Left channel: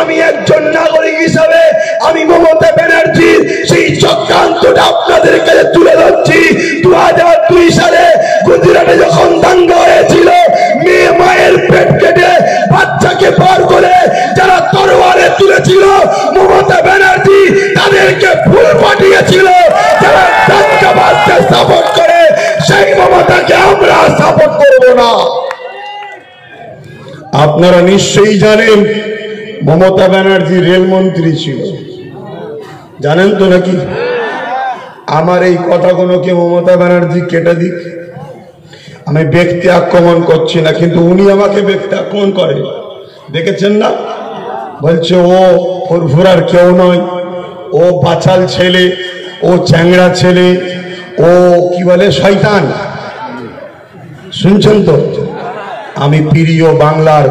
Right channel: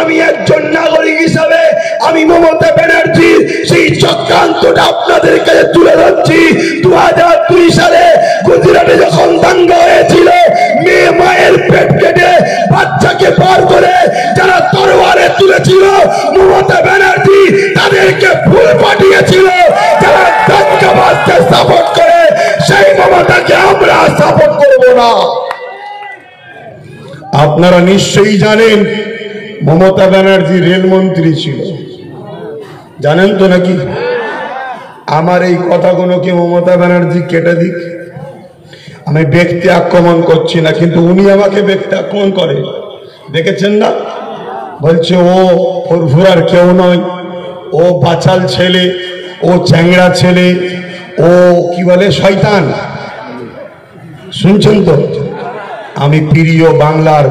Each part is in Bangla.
আমি একজন নাগরিক হিসাবে আমি মমতা ব্যানার্জির সেই চক্রান্তটা আপনাদের কাছে তুলে ধরছি। 2002 সালে গুজরাটে যখন দাঙ্গা হয়েছিল, মেয়ে মায়ের পেট কেটে বাচ্চাকে পার করে যারা তরবারে তুলেছিল, মমতা ব্যানার্জি তাদেরকে ফুল পাঠিয়েছিল। যারা দাঙ্গাবাজকে সাপোর্ট করে সেই মমতাকে আমরা সাপোর্ট করব না। আপনারা নিশ্চয়ই জানেন মমতা ব্যানার্জি রেলমন্ত্রী ছিল, জানেন তো নাকি? আমার এই কথাগুলোকে মমতা ব্যানার্জি কেটে দিক। আমি ব্যক্তি আক্রমণ করছি না, কিন্তু উনি আমাকে ব্যক্তি আক্রমণ করে, দেখেছেন না? বলছে ও ফুরফুরার কেউ নয়, ও বাচাল ছেলে, ও চ্যাংড়া ছেলে, ও কি বলে শয়তান। শুনছেন তো? আমি প্রিয় বাংলার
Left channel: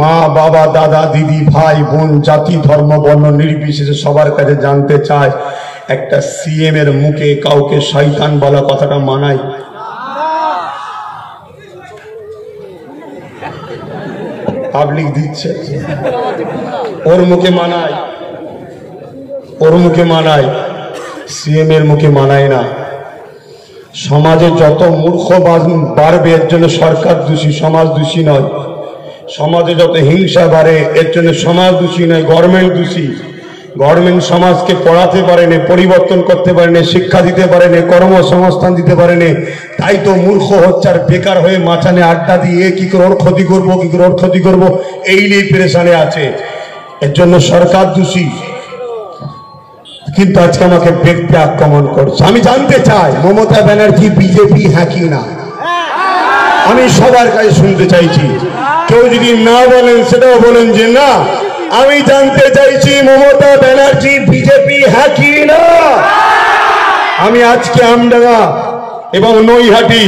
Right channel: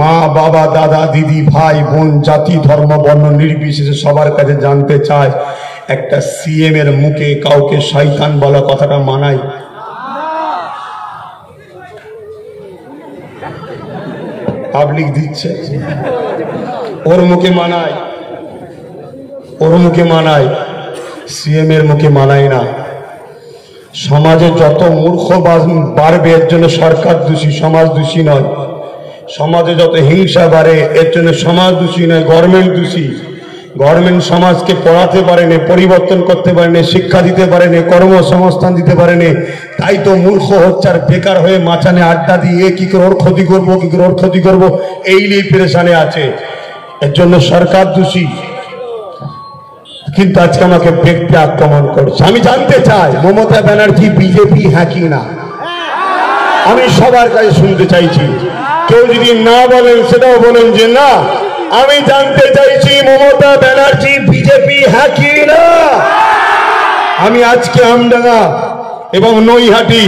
মা বাবা দাদা দিদি ভাই বোন জাতি ধর্ম বর্ণ নির্বিশেষে সবার কাছে জানতে চাই, একটা সিএম এর মুখে কাউকে শয়তান বলা কথাটা মানায়? পাবলিক দিচ্ছে, ওর মুখে মানায়, ওর মুখে মানায়, সিএম এর মুখে মানায় না। সমাজে যত মূর্খ বাড়বে এর জন্য সরকার দোষী, সমাজ দোষী নয়। সমাজে যত হিংসা বাড়ে এর জন্য সমাজ দোষী নয়, গভর্নমেন্ট দোষী। গভর্নমেন্ট সমাজকে পড়াতে পারেনি, পরিবর্তন করতে পারেনি, শিক্ষা দিতে পারেনি, কর্মসংস্থান দিতে পারেনি। তাই তো মূর্খ হচ্ছে আর বেকার হয়ে মাচানে আড্ডা দিয়ে কি করে ওর ক্ষতি করবো, কি করে ওর ক্ষতি করবো, এই নিয়ে পেরেশানে আছে। এর জন্য সরকার দোষী। কিন্তু আজকে আমাকে ব্যক্তি আক্রমণ করছে। আমি জানতে চাই মমতা ব্যানার্জি বিজেপি হ্যাঁ কি না? আমি সবার কাছে শুনতে চাইছি। কেউ যদি না বলেন সেটাও বলেন যে না। আমি জানতে চাইছি মমতা ব্যানার্জি বিজেপি হ্যাঁ কি না? আমি আজকে আমডাঙ্গা এবং নৈহাটি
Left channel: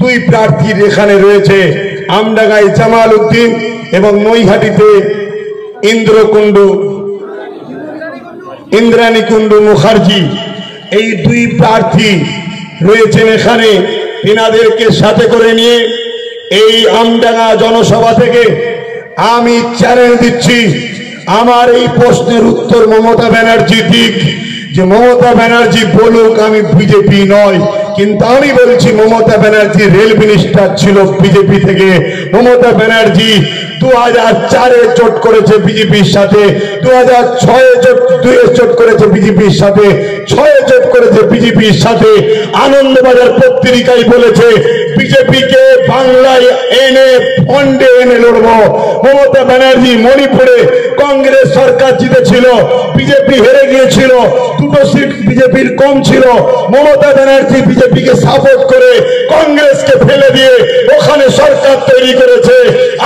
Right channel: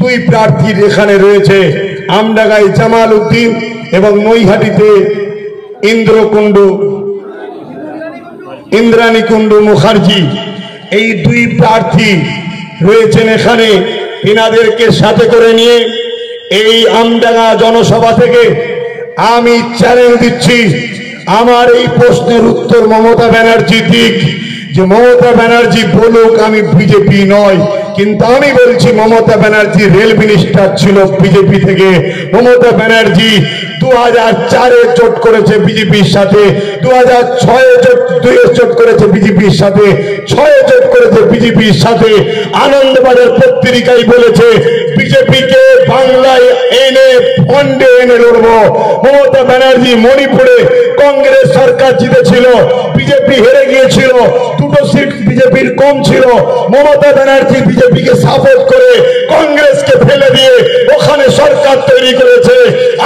দুই প্রার্থীর এখানে রয়েছে। আমডাঙ্গায় জামাল উদ্দিন এবং নৈহাটিতে ইন্দ্রাণী কুণ্ডু মুখার্জি, এই দুই প্রার্থী রয়েছেন এখানে। এনাদেরকে সাথে করে নিয়ে এই আমডাঙ্গা জনসভা থেকে আমি চ্যালেঞ্জ দিচ্ছি, আমার এই প্রশ্নের উত্তর মমতা ব্যানার্জি দিক। যে মমতা ব্যানার্জি বলুক আমি বিজেপি নয়, কিন্তু আমি বলছি মমতা ব্যানার্জি রেল মিনিস্টার ছিল বিজেপি থেকে। মমতা ব্যানার্জি 2004-এ জোট করেছে বিজেপির সাথে, 2006-এ জোট করেছে বিজেপির সাথে, 6-এ জোট করেছে বিজেপির সাথে। আনন্দবাজার পত্রিকায় বলেছে বিজেপিকে বাংলায় এনে ফন্ডে এনে লড়বো। মমতা ব্যানার্জি মণিপুরে কংগ্রেস সরকার জিতেছিল, বিজেপি হেরে গিয়েছিল, 2টো সিট বিজেপির কম ছিল। মমতা ব্যানার্জি বিজেপিকে সাপোর্ট করে কংগ্রেসকে ফেলে দিয়ে ওখানে সরকার তৈরি করেছে।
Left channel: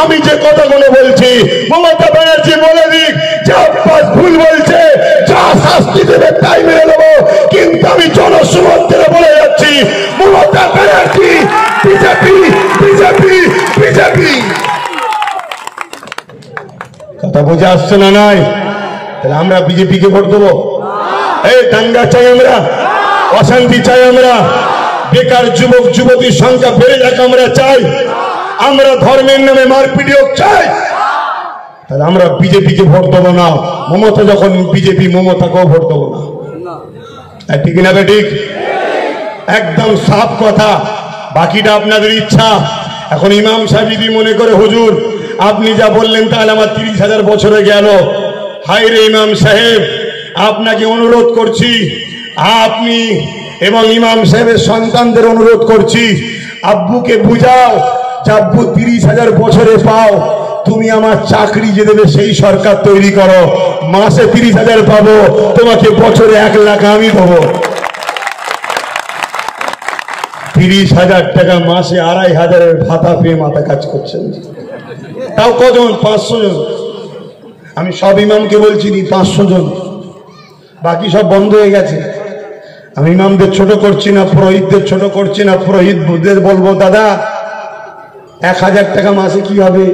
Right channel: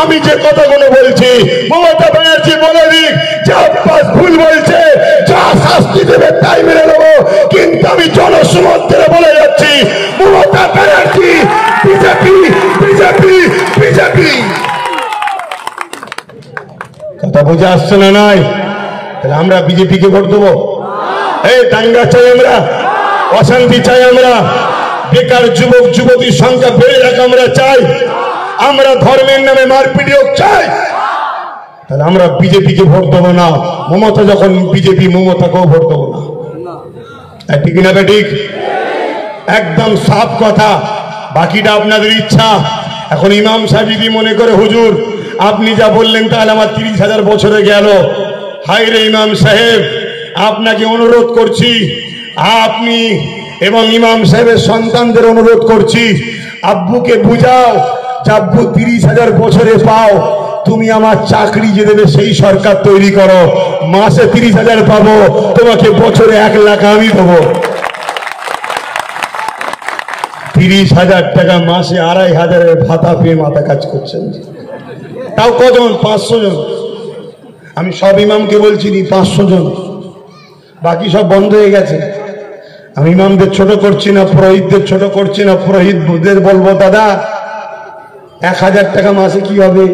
আমি যে কথাগুলো বলছি মমতা ব্যানার্জি বলে দিক যে আব্বাস ভুল বলছে, যা শাস্তি দেবে তাই মেনে নেবো। কিন্তু আমি জনসমর্থনে বলে যাচ্ছি Mamata Banerjee BJP BJP BJP. কথা বুঝে আসছে না? নাই? তাহলে আমরা বিজেপিকে ভোট দেবো? এই দাঙ্গা চাই আমরা, অশান্তি চাই আমরা, বেকার যুবক যুবতীর সংখ্যা বেড়ে যাক আমরা চাই, আমরা ধর্মের নামে মারপিট চাই, তাহলে আমরা বিজেপিকে ভোট দেবো না। মমতা যখন বিজেপি, মমতাকেও ভোট দেবো না। ঠিক না ঠিক? একদম সাফ কথা। বাকিটা আপনাদের ইচ্ছা। এখন ইমাম সাহেব যদি মনে করে হুজুর আপনি যা বললেন তাহলে আমার 30,000 বছরে গেল, হাই রে ইমাম সাহেব, আপনাকে অনুরোধ করছি, আপনি এবং ইমাম সাহেবের সন্তানদের অনুরোধ করছি, আব্বুকে বুঝাও যে আব্বু 30,000 বছরে পাও, তুমি আমার চাকরি যে দেবে সেই সরকার তৈরি করো, মাসে 30,000 পাবো, তোমাকে বছরে 1 লাখ আমি দেবো। 30,000 টাকা মাসে 2,500-এর ভাতা পেয়ে মাথা কাজ করছেন। তাও কজন? 500 জন। আমি সব ইমামকে বলছি 500 জন, বাকি সব বন্ধ হয়ে গেছে। আমি ইমামদের ছোট করছি না, পুরোহিতদের ছোট করছি না। পুরোহিতদের বলবো দাদা 1,000 টাকা মাসে কি হবে?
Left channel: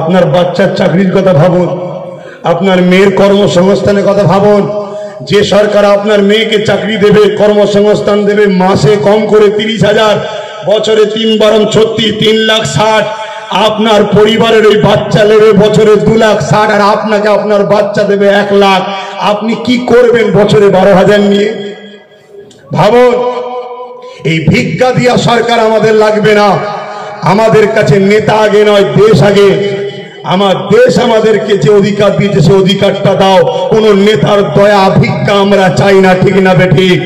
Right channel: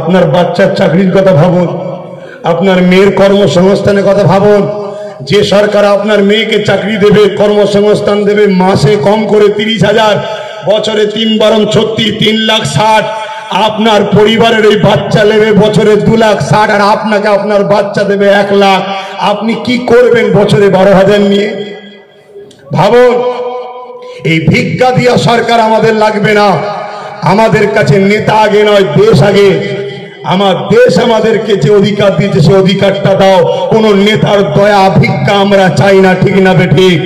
আপনার বাচ্চার চাকরির কথা ভাবুন, আপনার মেয়ের কর্মসংস্থানের কথা ভাবুন। যে সরকার আপনার মেয়েকে চাকরি দেবে, কর্মসংস্থান দেবে, মাসে কম করে 30,000, বছরে 3 বারং 36, 3,60,000। আপনার পরিবারের ওই বাচ্চা নেবে বছরে 2,60,000 আর আপনাকে আপনার বাচ্চা দেবে 1 লাখ, আপনি কি করবেন বছরে 12,000 নিয়ে? ভাবুন, এই ভিক্ষা দিয়া সরকার আমাদের লাগবে না। আমাদের কাছে নেতা আগে নয়, দেশ আগে। আমার দেশ আমাদেরকে যে অধিকার দিয়েছে সে অধিকারটা দাও। কোন নেতার দয়া ভিক্ষা আমরা চাই না, ঠিক না বেঠিক?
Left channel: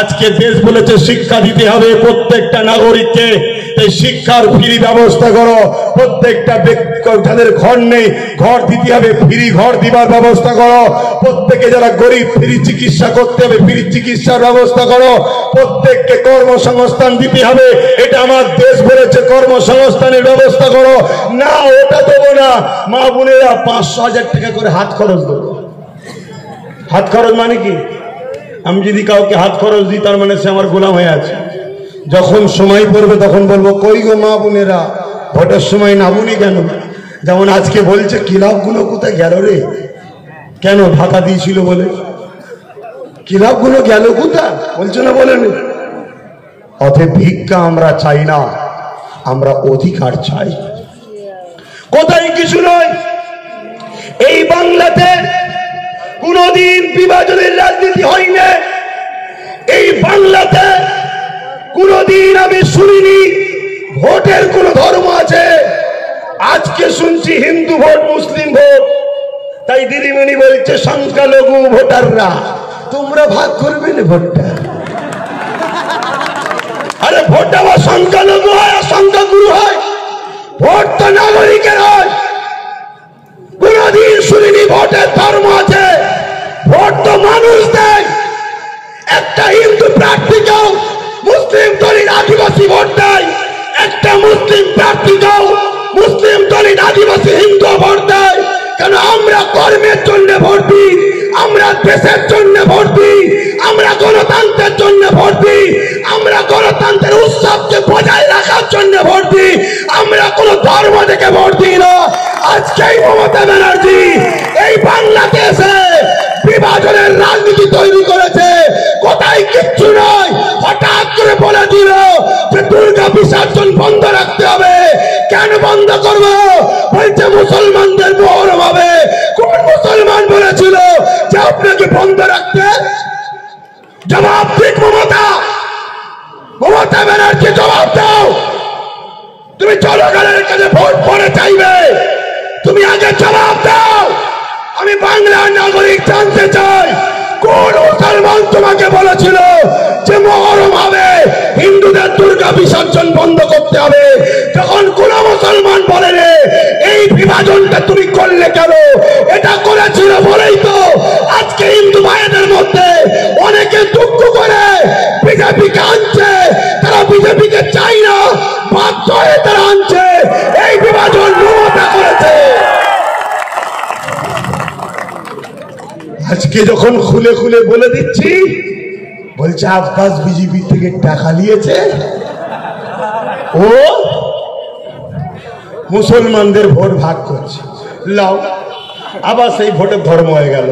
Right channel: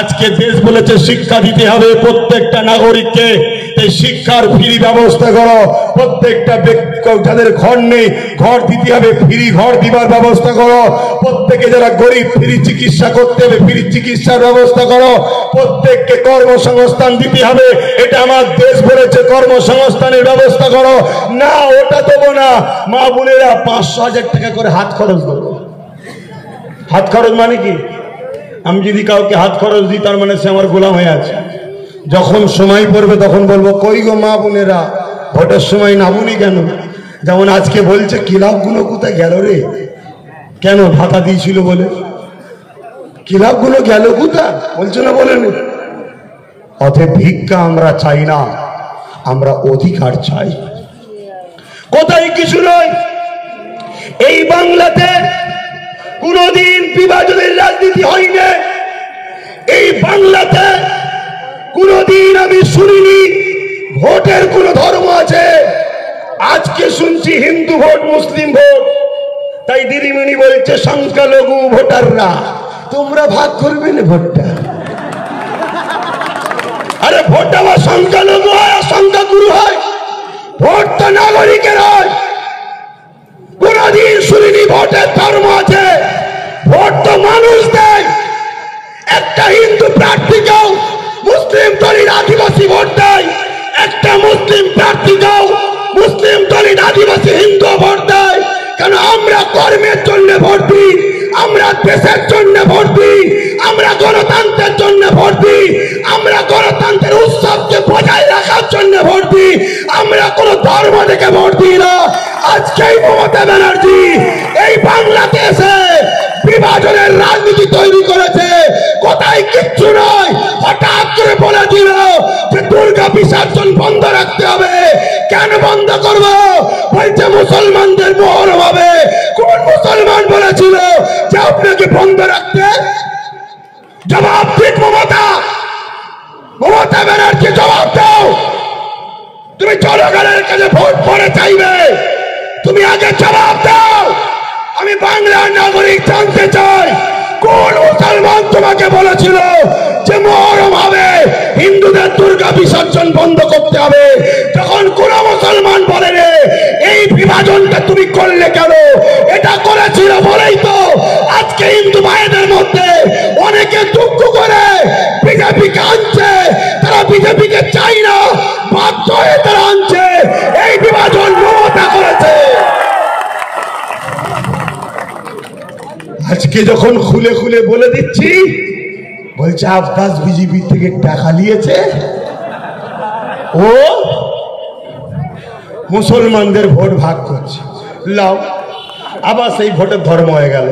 আজকে দেশ বলেছে শিক্ষা দিতে হবে প্রত্যেকটা নাগরিককে, তাই শিক্ষার ফ্রি ব্যবস্থা করো। প্রত্যেকটা ব্যক্তি যাদের ঘর নেই ঘর দিতে হবে, ফ্রি ঘর দিবার ব্যবস্থা করো। প্রত্যেকে যারা গরিব ফ্রি চিকিৎসা করতে হবে, ফ্রি চিকিৎসার ব্যবস্থা করো। প্রত্যেককে কর্মসংস্থান দিতে হবে, এটা আমার দেশ বলেছে, কর্মসংস্থানের ব্যবস্থা করো। না, ওটা দেবো না। মা বোনেরা 500,000 টাকা করে হাত খরচ দেবো। হাত খরচ মানে কি? আমি যদি কাউকে হাত খরচ দিই তার মানে সে আমার গোলাম হয়ে আছে। যখন সময় পড়বে তখন বলবো, কই গো মা বোনেরা, ভোটের সময় নামুনি কেন? যেমন আজকে বলছে ক্লাবগুলো কোথায় গেল রে? কেন? ভাতা দিয়েছিল বলে। ক্লাবগুলো গেল কোথায় বলছে না, বলেনি? অতএব ভিক্ষা আমরা চাই না, আমরা অধিকার চাই। কোথায় কিছু নয়। এই বাংলাতে কোনদিন বিভাজনের রাজনীতি হয়নি। এই বাংলাতে কোনদিন আমি শুনিনি ভোটের কোন ধর্ম আছে। আজকে শুনছি হিন্দু ভোট, মুসলিম ভোট। তাই দিদিমণি বলছে সংখ্যালঘু ভোটাররা তোমরা ভাগ করবে না ভোটটা। আরে ভোটটা বা সংখ্যালঘু হয়, সংখ্যাগুরু হয়, ভোট তো নাগরিকের হয়। কোনদিন শুনিনি ভোটের ধর্ম আছে। ভোট তো মানুষ দেয়। একটা হিন্দু প্রার্থীকেও মুসলিম দলিত আদিবাসী ভোট দেয়, একটা মুসলিম প্রার্থীকেও মুসলিম দলিত আদিবাসী হিন্দু ভোট দেয়। কেন? আমরা কর্মের জন্য ভোট দিই, আমরা দেশের জন্য ভোট দিই, আমরা গণতন্ত্রের জন্য ভোট দিই, আমরা গণতন্ত্রের উৎসবকে বজায় রাখার জন্য ভোট দিই, আমরা কোন ধর্ম থেকে ভোট দিই না। আজকেই মমতা ব্যানার্জি এই বাংলাদেশে বিভাজনের রাজনীতি তৈরি করেছে। কোথায় কিচ্ছু নয়, হঠাৎ করে বলে দিল যে দুর্গা বিসর্জন বন্ধ রাখতে হবে। কেন বন্ধ করবো? বলছে মুসলমানদের মহরম হবে। কোন মুসলমান বলেছিল যে আপনাকে বন্ধ রাখতে? জবাব ঠিক মমতা, মমতা ব্যানার্জি জবাব দাও। তুমি জনগণের কাছে ভোট পরে চাইবে, তুমি আগে জবাব দাও। আমি বাংলার নাগরিক জানতে চাই, কোন মুসলমান তোমাকে বলেছিল যে মহরম হবে, হিন্দুদের দুর্গা বিসর্জন বন্ধ করতে হবে? তখন কোন মুসলমান বলে রে এই বিভাজনটা তুমি করলে কেন? এটা করেছিল বলেই তো আজকে হিন্দু ভাইদের মধ্যে অনেকে দুঃখ করে বিজেপিকে আনছে। তারা বিজেপিকে চাই না, বাধ্য হয়ে তারা আনছে। এই বিভাজন মমতা করেছে। আজকে যখন খুলে খুলে বলে দিচ্ছি, বলছে আব্বাস বিজেপি থেকে টাকা নিয়েছে, ও মুসলমানদের ভোট ভাগ করছে। লাও, আবার সেই ভোটের ধর্ম হয়ে গেল।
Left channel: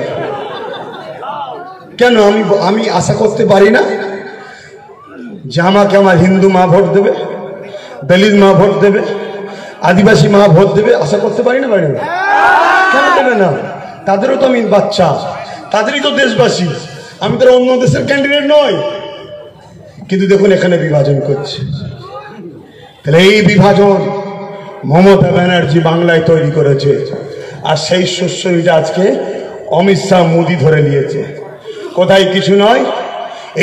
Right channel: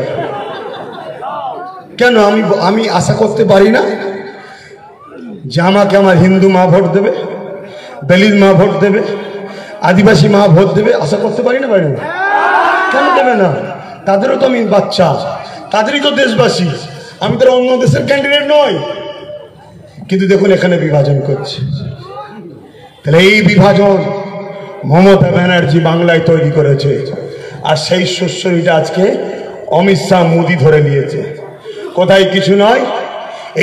কেন? আমি আশা করতে পারি না যে আমাকে আমার হিন্দু মা ভোট দেবে, দলিত মা ভোট দেবে, আদিবাসী মা ভোট দেবে? আশা করতে পারি না? পারি না? কেন দেবে না? তাদেরও তো আমি বাচ্চা, তাদেরই তো দেশবাসী। আমি তো অন্য দেশের ক্যান্ডিডেট নই। কিন্তু দেখুন এখানে বিভাজন করছে। তাহলে এই বিভাজন মমতা ব্যানার্জি বাংলায় তৈরি করেছে। আর সেই শস্যটা আজকে অমিত শাহ মোদী ধরে নিয়েছে। কোথায় কিছু নয়,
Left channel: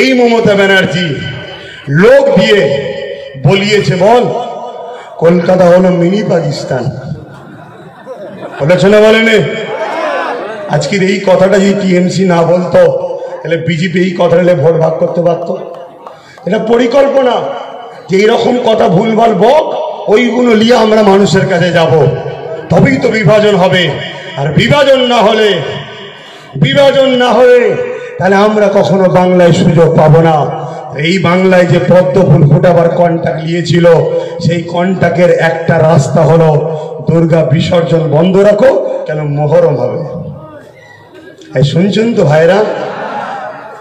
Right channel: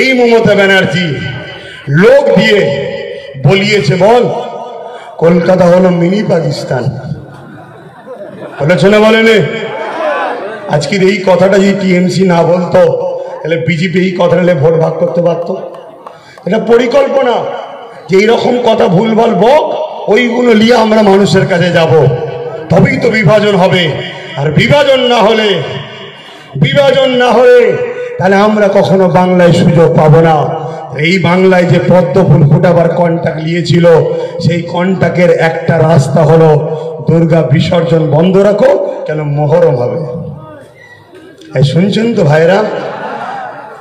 এই মমতা ব্যানার্জি লোক দিয়ে বলিয়েছে, বল কলকাতা হলো মিনি পাকিস্তান, বলেছে না? বলেনি? আজকের এই কথাটা যদি টিএমসি না বলতো তাহলে বিজেপি এই কথাটা ভোট ভাগ করতে পারত। এটা পরিকল্পনা যে এইরকম কথা ভুলভাল বক, ওইগুলো নিয়ে আমরা মানুষের কাছে যাব, তবেই তো বিভাজন হবে। আর বিভাজন না হলে তাহলে আমরা কখনো বাংলায় সুযোগ পাবো না। এই বাংলায় যে পদ্ম ফুল ফোটাবার কন্ট্রাক্ট নিয়েছিল, সেই কন্ট্রাক্টের একটা রাস্তা হলো দুর্গা বিসর্জন বন্ধ রাখো, কেন মহরম হবে। এই শুনছেন তো ভাইরা?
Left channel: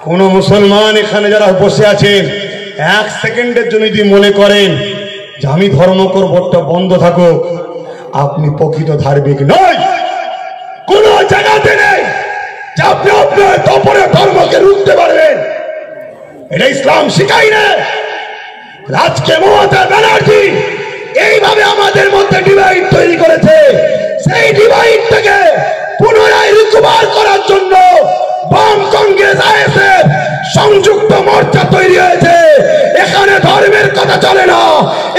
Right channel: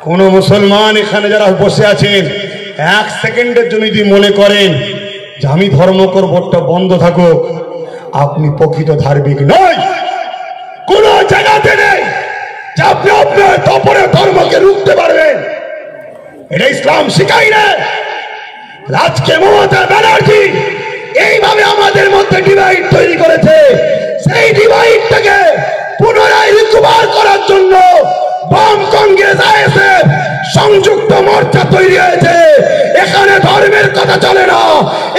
কোন মুসলমান এখানে যারা বসে আছেন, 1 সেকেন্ডের জন্য যদি মনে করেন যে আমি ধর্ম করব, ওটা বন্ধ থাকুক, আপনি প্রকৃত ধার্মিক নয়। কোন জায়গাতে নেই যে আপনি আপনার তপরে ধর্মকে রুখতে পারবেন, এটা ইসলাম শিখাই না। আজকে মমতা ব্যানার্জি এইভাবে আমাদের মধ্যে ডিভাইড তৈরি করেছে, সেই ডিভাইডটাকে পুনরায় রিকভার করার জন্য বাম কংগ্রেস আইএসএফ সংযুক্ত মোর্চা তৈরি হয়েছে। এখানে ধর্মের কথা চলে না,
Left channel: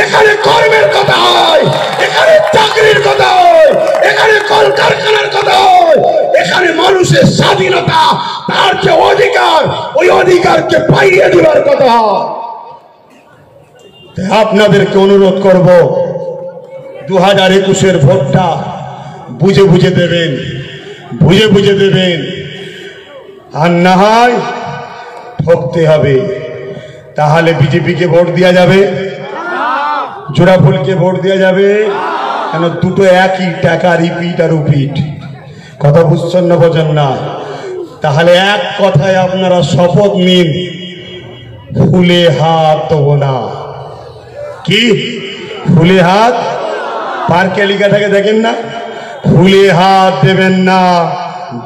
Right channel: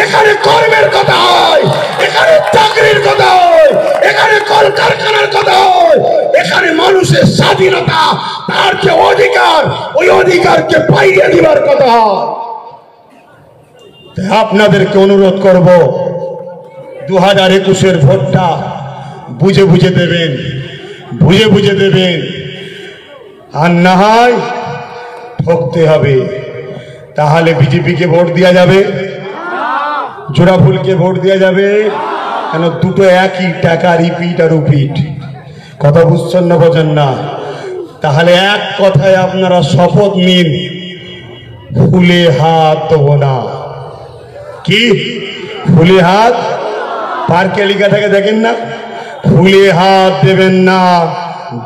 এখানে কর্মের কথা হয়, এখানে চাকরির কথা হয়, এখানে কলকারখানার কথা হয়, এখানে মানুষের স্বাধীনতা, তার যে অধিকার, ওই অধিকারকে পাইয়ে দেওয়ার কথা হয়। আপনাদেরকে অনুরোধ করব, 2021-এর ভোটটা বুঝে বুঝে দেবেন, বুঝে বুঝে দেবেন, আর না হয় ঠকতে হবে। তাহলে বিজেপিকে ভোট দেওয়া যাবে, জোড়াফুলকে ভোট দেওয়া যাবে, কেন দুটো একই টাকা, রিপিট আর রিপিট। কথা বুঝছেন না, বোঝেন না? তাহলে এক কথায় আপনারা শপথ নিন, ফুলে হাত দেবো না। কি ফুলে হাত? পার্কে লেখাটাকে দেখেন না, ফুলে হাত দেবেন না,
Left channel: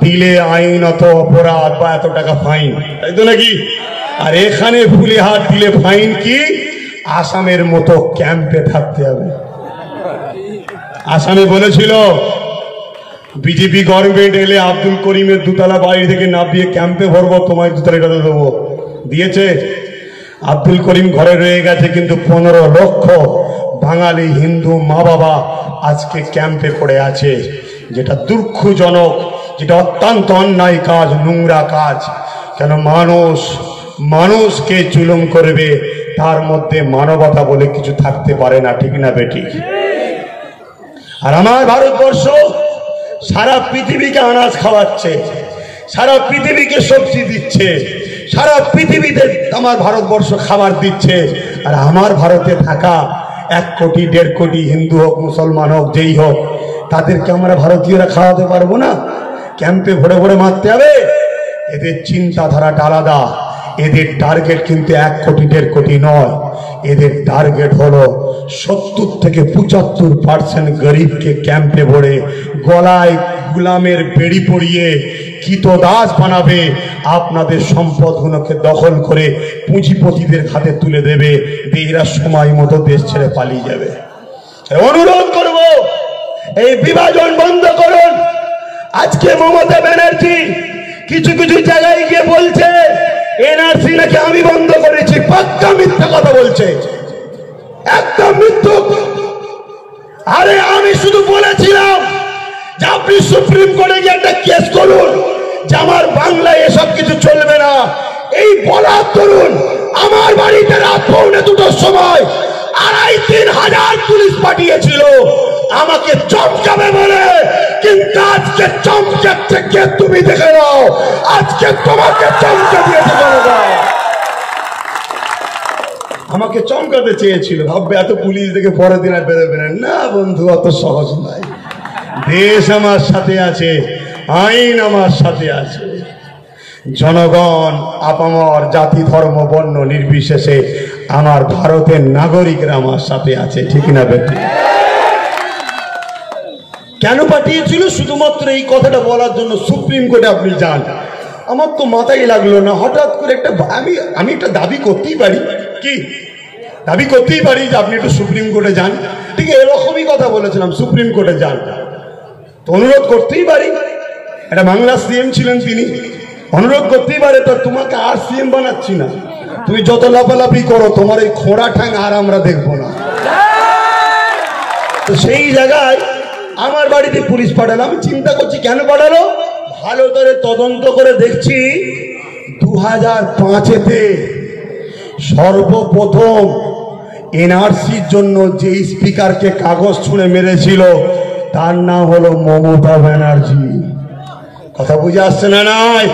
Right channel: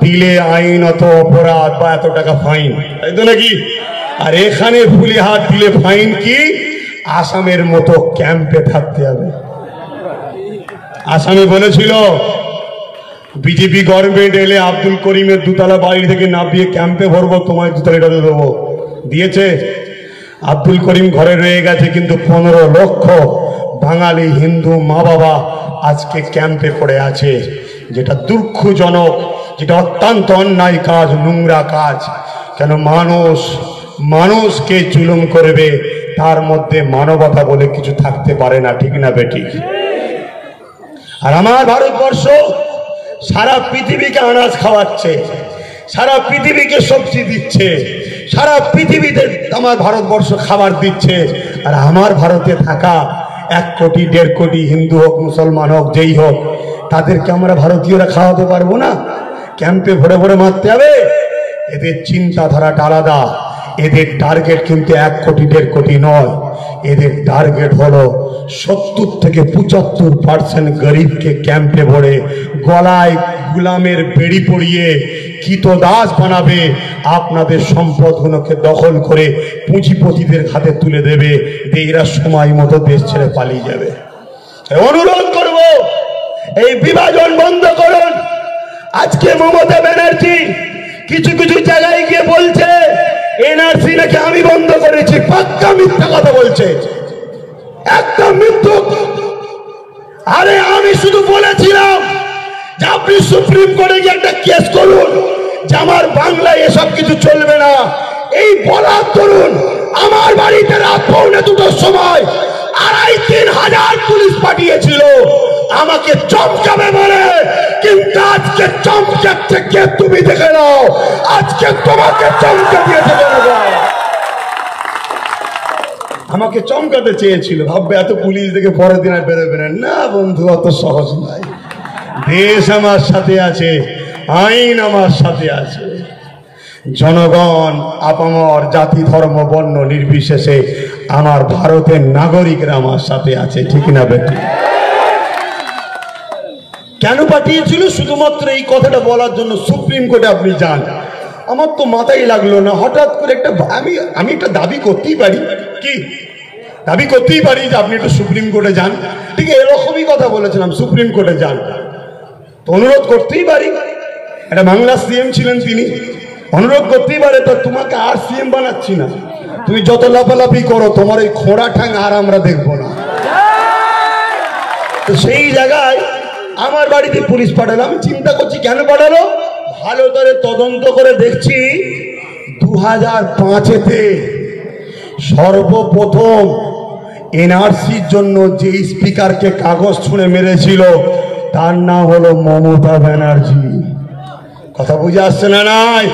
দিলে আইনত অপরাধ বা এত টাকা ফাইন, তাই তো নাকি? আর এখানে ফুলে হাত দিলে ফাইন কি? আসামের মতো ক্যাম্পে থাকতে হবে। আসামে বলেছিল বিজেপি গভর্নমেন্ট এলে আব্দুল করিমের দুতলা বাড়ি থেকে নামিয়ে ক্যাম্পে ভরবো, তোমায় দুতলাটা দেবো। দিয়েছে? আব্দুল করিম ঘরে রয়ে গেছে, কিন্তু 15 লক্ষ বাঙালি হিন্দু মা বাবা আজকে ক্যাম্পে পড়ে আছে, যেটা দুঃখজনক, যেটা অত্যন্ত অন্যায় কাজ, নোংরা কাজ। কেন মানুষকে জুলুম করবে, তার মধ্যে মানবতা বলে কিছু থাকতে পারে না, ঠিক না বেটি? আর আমার ভারতবর্ষ সারা পৃথিবীকে আনাজ খাওয়াচ্ছে, সারা পৃথিবীকে সবজি দিচ্ছে, সারা পৃথিবীতে আমার ভারতবর্ষ খাবার দিচ্ছে। আর আমার ভারতে থাকা 1 কোটি 1.5 কোটি হিন্দু হোক, মুসলমান হোক, যেই হোক, তাদেরকে আমরা ভারতীয়রা খাওয়াতে পারবো না? ক্যাম্পে ভরে ভরে মারতে হবে? এদের চিন্তাধারাটা আলাদা। এদের টার্গেট কিন্তু 1 কোটি 1.5 কোটি নয়, এদের টার্গেট হলো 70 থেকে 75% গরিবকে ক্যাম্পে ভরে গলায় গুলামের বেড়ি পরিয়ে কীতদাস বানাবে, আপনাদের সম্পদগুলোকে দখল করে পুঁজিপতিদের হাতে তুলে দেবে, এরা সময় মতো দেশ ছেড়ে পালিয়ে যাবে। অনুরোধ করব, এই বিভাজন বন্ধ করুন। আজকে মমতা ব্যানার্জি কিছু কিছু জায়গায় গিয়ে বলছে এনআরসি নাকি আমি বন্ধ করেছি, পাক্কা মিথ্যা কথা বলছে, একটা মৃত্যু। আরে আমি শুধু বলেছিলাম যে আপনি সুপ্রিম কোর্টে গিয়ে একটা কেস করুন যে আমার বাংলায় এসব কিছু চলবে না। এই বলার ধরুন আমার বাড়িতে রাত 1:45-2টার সময় 2,500-3 হাজার পুলিশ পাঠিয়েছিল আমাকে চমকাবে বলে, কিন্তু আজকে চমকাচ্ছে কে? তুমি দেখে নাও, আজকে তোমাকে চমকা দিয়েছে জনগণ। আমাকে চমকাতে চেয়েছিল, ভাববে এত পুলিশ দেখে পরের দিন আর বেরোবে না। না বন্ধু, অত সহজ নয়। দেশ আমার সাথে আছে, আইন আমার সাথে আছে, জনগণ আপামর জাতি ধর্ম বর্ণ নির্বিশেষে আমার ভারতের নাগরিকরা আমার সাথে আছে, ঠিক না বেটি? কেন পাঠিয়েছিল? শুধুমাত্র এই কথাটা বলার জন্য সুপ্রিম কোর্টে আপনি যান। আমার তো মাথায় লাগলো না, হঠাৎ করে একটা আমি একটা দাবি করতেই পারি, কি দাবি করতেই পারি যে আপনি একটু সুপ্রিম কোর্টে যান। ঠিক এরকমই কথা বলেছিলাম, সুপ্রিম কোর্টে যান, তো অনুরোধ করতেই পারি। একটা বাংলা সিএম ছিলেন তিনি, অনুরোধ করতেই পারে। তো তোমাকে আর সিএম বানাচ্ছি না, তুমি যত লাফালাফি করো তোমার এই খোঁড়া ঠাং আর আমরা দেখবো না। তো সেই জায়গায় আমার বাড়িতে পুলিশ পাঠালো। আমি চিন্তা করছি কেন পাঠালো, ভালো করে তদন্ত করে দেখছি 2005-এতে সর্বপ্রথম এনআরসির জন্য যে স্পিকারকে কাগজ ছুঁড়ে মেরেছিল তার নাম হলো মমতা ব্যানার্জি। কথা বুঝে আসছে না? নাই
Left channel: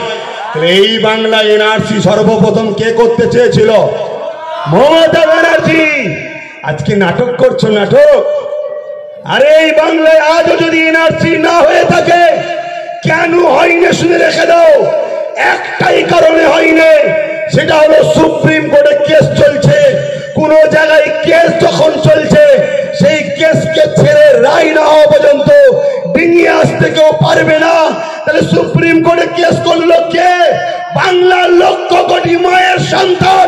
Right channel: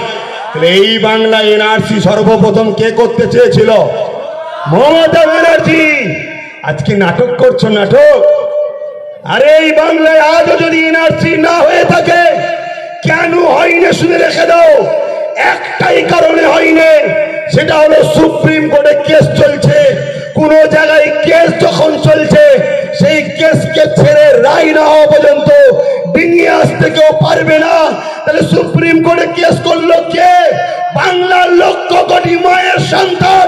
এই বাংলা এনআরসি সর্বপ্রথম কে করতে চেয়েছিল? মমতা ব্যানার্জি। আজকে নাটক করছো, নাটক। আরে এই বাংলায় আজও যদি এনআরসি না হয়ে থাকে, কেন হয়নি শুনে রেখে দাও। একটাই কারণে হয়নি, সেটা হলো সুপ্রিম কোর্টে কেস চলছে। কোন জায়গায় কেস যখন চলছে সেই কেসকে ছেড়ে রায় না হওয়া পর্যন্ত ডিঙিয়ে আসতে কেউ পারবে না। তাহলে সুপ্রিম কোর্টে কেস করলো কে? বাংলার লক্ষ কোটি মায়ের সন্তান,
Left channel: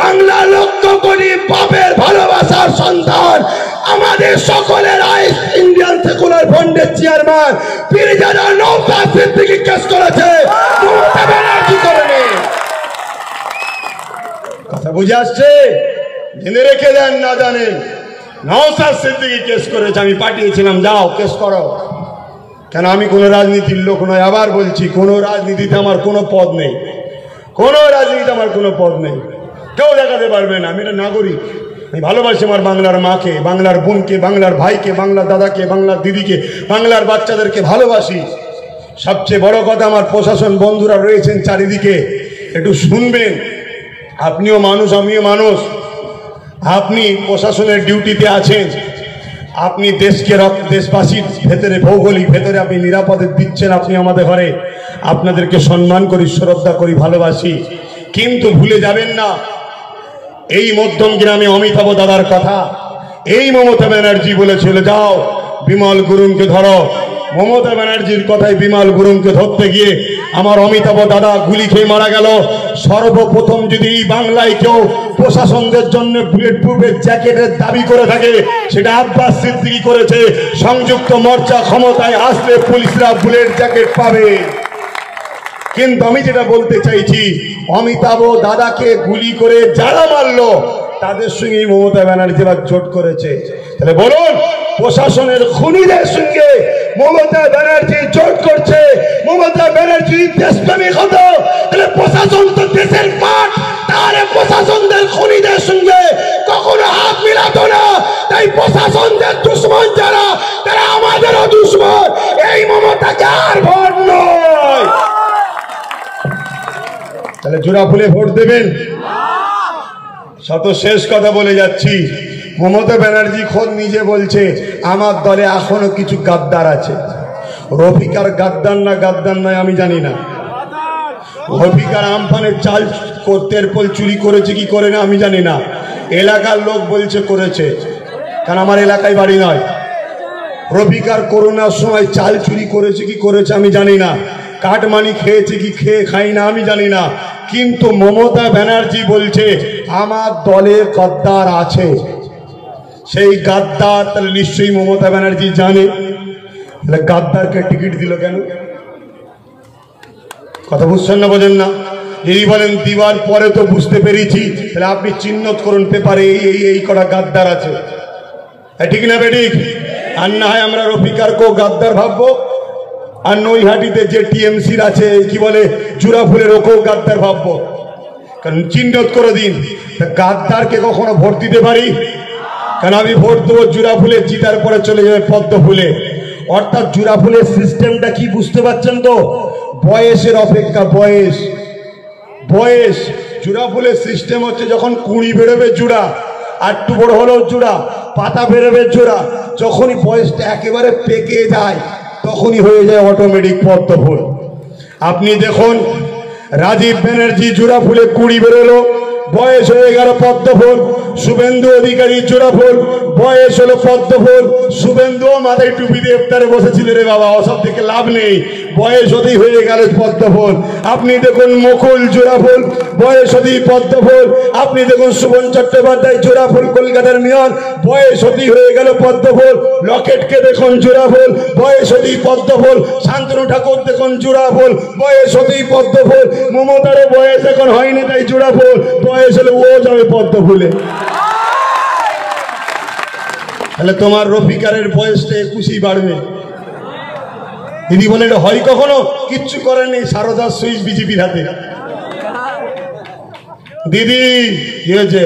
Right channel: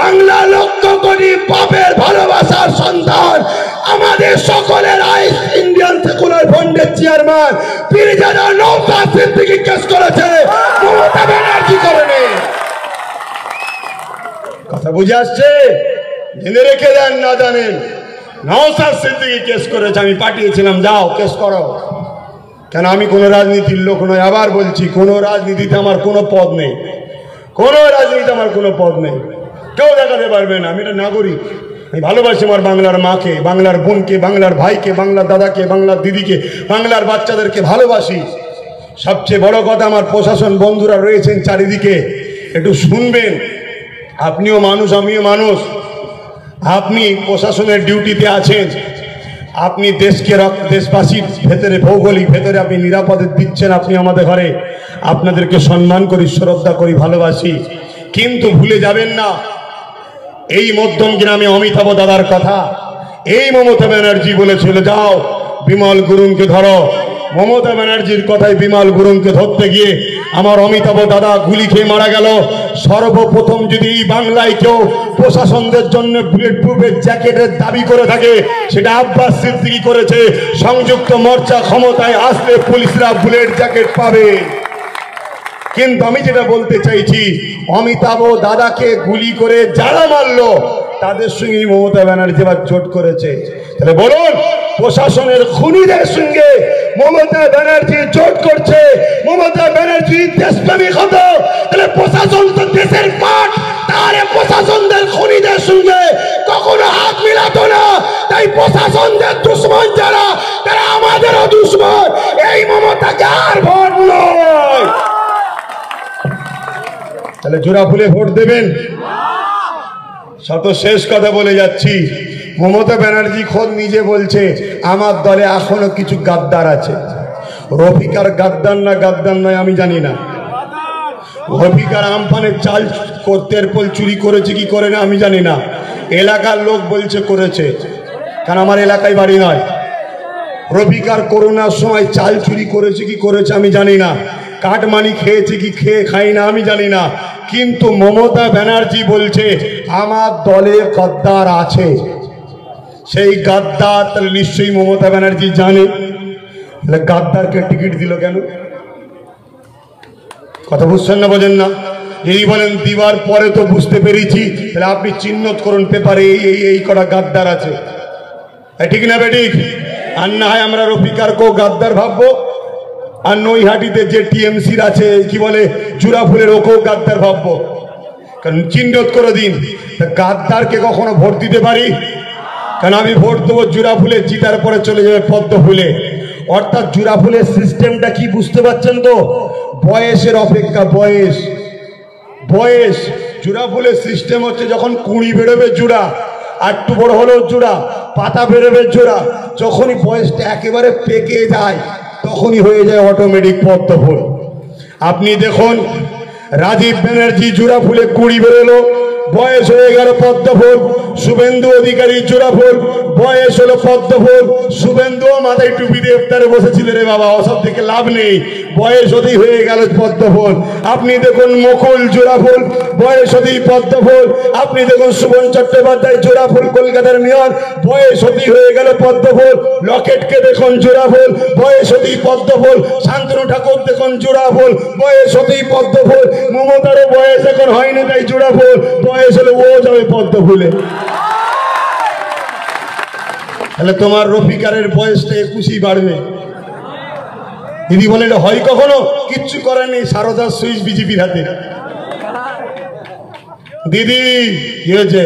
বাংলার লক্ষ কোটি বাপের ভালোবাসার সন্তান, আমাদের সকলের আইস ইন্ডিয়ান সেকুলার ফ্রন্টের চেয়ারম্যান পীরজাদা নওশাদ সিদ্দিকী কেস করেছে, মমতা ব্যানার্জি করেনি। কথা বুঝে আসছে? জেনে রেখে দেন, না জানেন নওশাদ সিদ্দিকী কেস করেছে, আমি পাঠিয়েছিলাম, যাও কেস করো। কেন? আমি কোন রাজনীতির লোক নই। আবার বলছি, কোন রাজনীতিতে আমার কোনো পদ নেই, কোন রাজনীতিতে আমার কোনো পদ নেই, কেউ দেখাতে পারবে না। আমি একটা নাগরিক, আমি ভালোবাসি আমার বাংলার মাকে, বাংলার বোনকে, বাংলার ভাইকে, বাংলার দাদাকে, বাংলার দিদিকে, বাংলার বাচ্চাদেরকে ভালোবাসি। সবচেয়ে বড় কথা, আমার প্রশাসন বন্ধুরা রয়েছেন চারিদিকে, একটু শুনবেন। আপনিও মানুষ, আমিও মানুষ। আপনি প্রশাসনের ডিউটিতে আছেন, আপনি দেশকে, দেশবাসীর ভেতরে, ভৌগোলিক ভেতরে আপনি নিরাপদে দিচ্ছেন। আপনি আমাদের ঘরে, আপনাদেরকে সম্মান করি, শ্রদ্ধা করি, ভালোবাসি। কিন্তু ভুলে যাবেন না এই মধ্যম গ্রামে অমিতাভ দাদার কথা। এই মমতা ব্যানার্জি বলেছিল, যাও বিমল গুরুংকে ধরো। মমতা ব্যানার্জির কথায় বিমল গুরুংকে ধরতে গিয়ে আমার অমিতাভ দাদা গুলি খেয়ে মারা গেল। সর্বপ্রথম যদি বাংলায় কেউ প্রশাসনদের জন্য বুলেট প্রুফের জ্যাকেটের দাবি করে থাকে, সেটা আব্বাস সিদ্দিকী করেছে। সংযুক্ত মোর্চা ক্ষমতায় আসলে পুলিশরা বুলেট জ্যাকেট পাবে। কিন্তু আমি যেটা বলতে চাইছি, অমিতাভ দাদাকে গুলি করে যারা মারলো তাদের সঙ্গে মমতা ব্যানার্জি আবার জোট করেছে। তাহলে বলুন, প্রশাসনের খুনিদের সঙ্গে মমতা ব্যানার্জি জোট করছে। মমতা ব্যানার্জি দেশপ্রেমিক হতো, তাহলে প্রশাসন তো দেশের পাট, তাহলে প্রশাসনদের খুনিদের সঙ্গে কখনো হাত মিলাতো না। তাই প্রশাসনদের দুশ্মন যারা, তারা আমাদেরও দুশ্মন। এই মমতাকে আর ভোট নয়। তাহলে জোড়া ফুলে ভোট দেবেন। শত শেষ কথা বলে যাচ্ছি, মমতা ব্যানার্জি খোদ নিজে বলছে আমার দলে এখনো কিছু গাদ্দার আছে। রফিকার গাদ্দার না গাদ্দার নয় আমি জানি না। রফিকার আমফানের চাল তেরপল চুরি করেছে কি করে না আমি জানি না। এলাকার লোক বলছে করেছে, কারণ আমার এলাকায় বাড়ি নয়। রফিকার করোনার সময় চাল চুরি করেছে কি করেছে আমি জানি না। কাটমানি খেয়েছে কি খাই না আমি জানি না। কিন্তু মমতা ব্যানার্জি বলছে আমার দলে গাদ্দার আছে। সেই গাদ্দার তাহলে নিশ্চয়ই মমতা ব্যানার্জি জানে। তাহলে গাদ্দারকে টিকিট দিল কেন? কথা বুঝছেন না, বোঝেন না? যদি বলেন দিবার পরে তো বুঝতে পেরেছি, তাহলে আপনি চিহ্নিত করুন পেপারে এই কটা গাদ্দার আছে। ঠিক না বেঠিক? আর না হয় আমরা রফিকারকেও গাদ্দার ভাববো, আর নৈহাটিতে যে টিএমসির আছে কি বলে জুরাফুলের ওকেও গাদ্দার ভাববো। কারণ চিহ্নিত করে দিন। গাদ্দারকে কখনো ভোট দিতে পারি? কারণ আমি ভোট দেবো জুরাফুলের, জিতার পরে চলে যাবে পদ্ম ফুলে। অর্থাৎ জুরাফুলের সিস্টেমটা কি বুঝতে পারছেন তো? বয়সের অপেক্ষা, বয়স বয়স। জুরাফুলের সিস্টেম হচ্ছে যখন কুঁড়ি বেরোবে জোড়া, আর একটু বড় হলেও জোড়া, পাতা বেরোবে জোড়া। যখনই বয়সটা একেবারে পেকে যায় তখনই হয়ে যায় অটোমেটিক পদ্ম ফুল। আপনি দেখুন রাজীব ব্যানার্জি জোড়া ফুলে কুড়ি বেরোলো, বয়স হয়ে গেল পদ্ম ফুল। শুভেন্দু অধিকারী জোড়া ফুল, বয়স হলো পদ্ম ফুল। শুভেন্দু মাথায় টুপি দিয়ে ইফতারে বসেছিল রে বাবা, ওসব থেকে লাভ নেই, বয়স হতেই হয়ে গেল পদ্ম ফুল। আপনি দেখুন মুকুল জোড়া ফুল, বয়স হতেই পদ্ম ফুল। আপনি দেখুন সুমন চট্টোপাধ্যায় জোড়া ফুল, কলকাতার মেয়র, বয়স হতেই হয়ে গেল পদ্ম ফুল। লকেটকে দেখুন জোড়া ফুল, বয়স হতেই পদ্ম ফুল। শান্তনু ঠাকুর দেখুন জোড়া ফুল, বয়স হতেই পদ্ম ফুল। মমতারও বয়স এখন হয়নি তাই জোড়া ফুল, বয়স হলে ও যাবে পদ্ম ফুলে। তাহলে তোমার রফিকারের বয়সটা 21ই বাড়বে। দিদি বলে এটা হয় কখনো? কিচ্ছু করেনি, সারদার সুইচ বিজেপির হাতে। দিদি কি হয়েছে?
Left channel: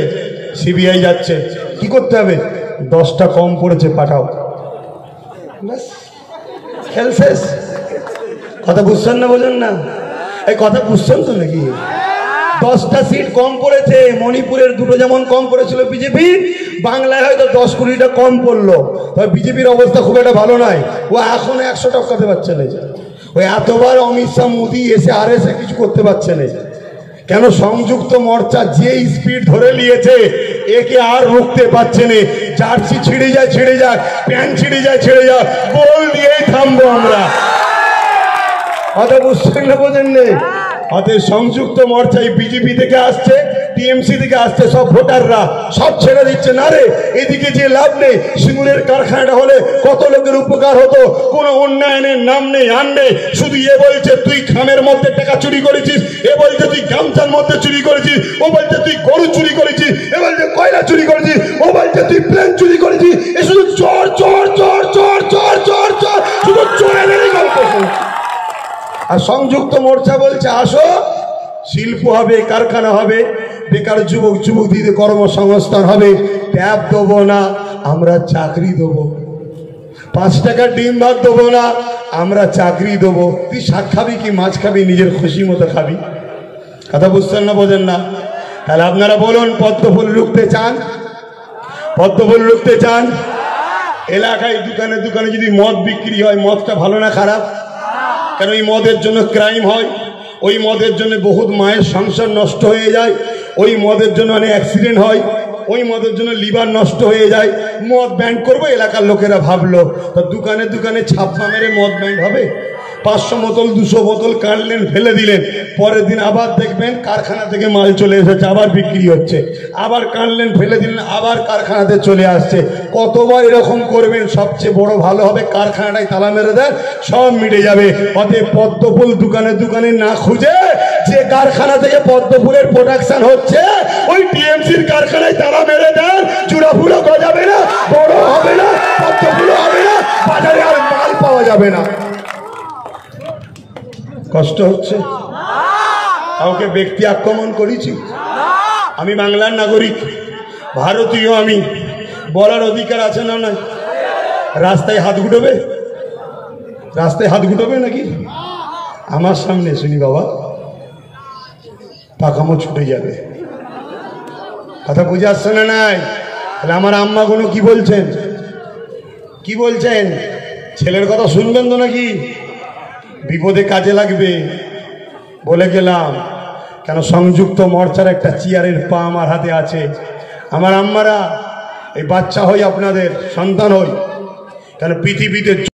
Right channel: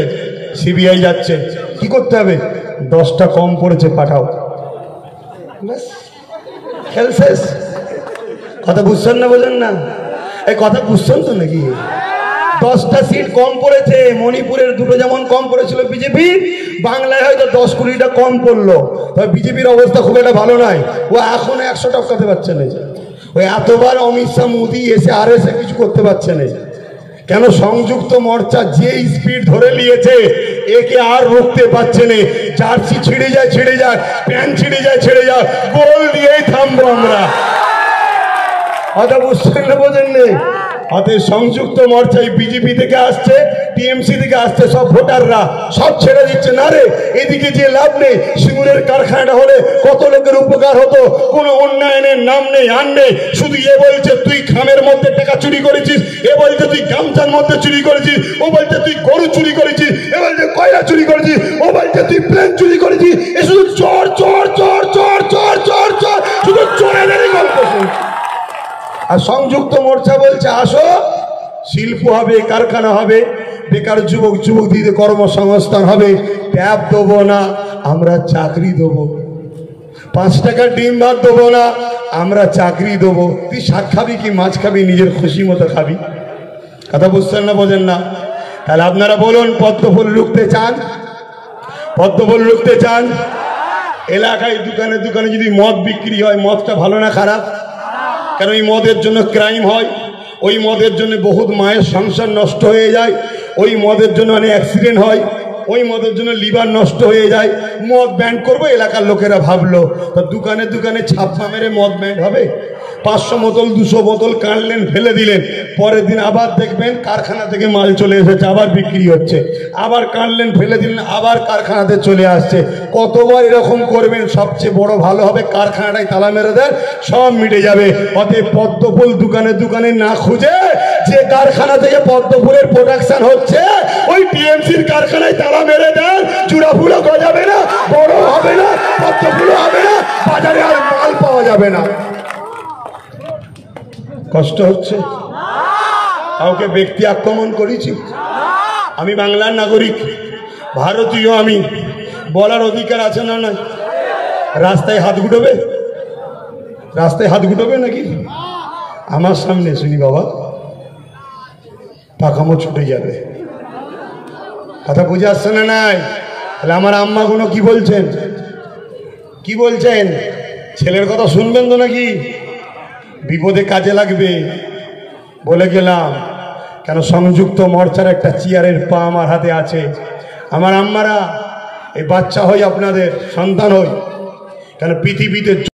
সিবিআই যাচ্ছে, কি করতে হবে? 10টা কম পড়েছে, পাঠাও। খেল শেষ। কথা বুঝছেন না, বোঝেন না? এই কথা বুঝছেন তো নাকি? 10টা সিট কম পড়েছে। মণিপুরের দুটো যেমন কম পড়েছিল বিজেপি, বাংলায় হয়তো 10 কোটিটা কম পড়লো। বিজেপির অবস্থা খুব একটা ভালো নয়। ও এখন 100 টাকাতে পারছে না। ওই এতবার অমিত শাহ মোদী এসে আর এসে কিছু করতে পারছে না। কেন সংযুক্ত মোর্চা যে স্পিড ধরে নিয়েছে একে আর রুখতে পারছে না। জার্সি ছিঁড়ে যায় প্যান্ট ছিঁড়ে যায় বল দিয়েই থামবো আমরা। কথা বুঝছেন না বোঝেন নেই? অতএব সংযুক্ত মোর্চায় বিজেপি থেকে আসছে, টিএমসি থেকে আসছে সব ভোটাররা সব ছেড়ে দিচ্ছে। না রে, এদিকে যে লাভ নেই, সিঙ্গুরের কারখানাটা হলে কত লোকের উপকার হতো, কোনো উন্নয়নের নাম নেই আর নেই। শুধু এ বলছে তুই খামের মধ্যে টাকা চুরি করেছিস, এ বলছে তুই গামছার মধ্যে চুরি করেছিস, ও বলছে তুই গরু চুরি করেছিস, এ বলছে কয়লা চুরি করেছিস, ও বলছে তুই প্লেন চুরি করেছিস। এ শুধু চোর চোর চোর চোর চোর চোর চোর, শুধু চোরেরই গল্প শুনছি। আর সংযুক্ত মোর্চা বলছে আসো, শিল্প হবে, কারখানা হবে, বেকার যুবক যুবতীদের কর্মসংস্থান হবে, ট্যাব দেবো না, আমরা চাকরি দেবো। 5 টাকার ডিম ভাত দেবো না, আমরা চাকরি দেবো। তুই শাক খাবি কি মাছ খাবি, নিজের খুশি মতো খাবি। কথা বুঝছেন না বোঝেন না? তাহলে আপনারা বলুন, পদ্মফুল রুখতে চান? পদ্মফুল রুখতে চান? এলাকায় দোকানে দোকানে যদি মদ বিক্রি হয়, মদটা ভালো না খারাপ? কেন ওই মদের জন্য ক্রাইম হয়, ওই মদের জন্য বহুত মায়ের সংসার নষ্ট হয়ে যায়, ওই মদের জন্য অনেক অ্যাক্সিডেন্ট হয়, ওই মদের জন্য লিভার নষ্ট হয়ে যায়। মদ ব্যান্ড করবো, এলাকার লোকেরা ভাবলো তো দোকানে দোকানে ছাপ্পা মেরে মদ ব্যান্ড হবে। 500 বোতল 200 বোতল কাটলেন, ফেলে দিলেন, পরের দিন আবার দেখবেন কারখানা থেকে মাল চলে এসেছে, আবার বিক্রি হচ্ছে। আবার কাটলেন, ফেলে দিলেন, আবার কারখানাতে চলে আসছে। কতবার এরকম করবেন? সবচেয়ে বড় ভালো হবে কারখানাটাই তালা মেরে দেন, সব মিটে যাবে। অতএব পদ্মফুল দোকানে দোকানে না খুঁজে, যে কারখানা থেকে পদ্মফুলের প্রোডাকশন হচ্ছে ওই টিএমসির কারখানায় তালা মেরে দেন। চূড়া ফুলও গজাবে না, বড় হবে না, পদ্মফুলও হবে না, বাজারে আর মাল পাওয়া যাবে না। কষ্ট হচ্ছে? কাউকে ব্যক্তি আক্রমণ করেছি? আমি বাংলার নাগরিক, ভারতীয়, আমি বলার অধিকার আছে না? না, রাস্তায় হাত গুটোবে? রাস্তায় হাত গুটোবে নাকি? আমার সামনে শুনি বাবা, পাখামো ছুটে যাবে। কথা বুঝে আসছে না? নাই? তাহলে আমার আম্মা কোনো কি বলছেন? কি বলছেন? ছেলের কথা শুনবেন তো নাকি? বিপদে কাজে লাগবে বলে গেলাম। কেন সংযুক্ত মোর্চার একটা চেয়ারের পা আমার হাতে আছে। আমার আম্মারা, এই বাচ্চা হই, আপনাদের সন্তান হই, কেন পৃথিবীতে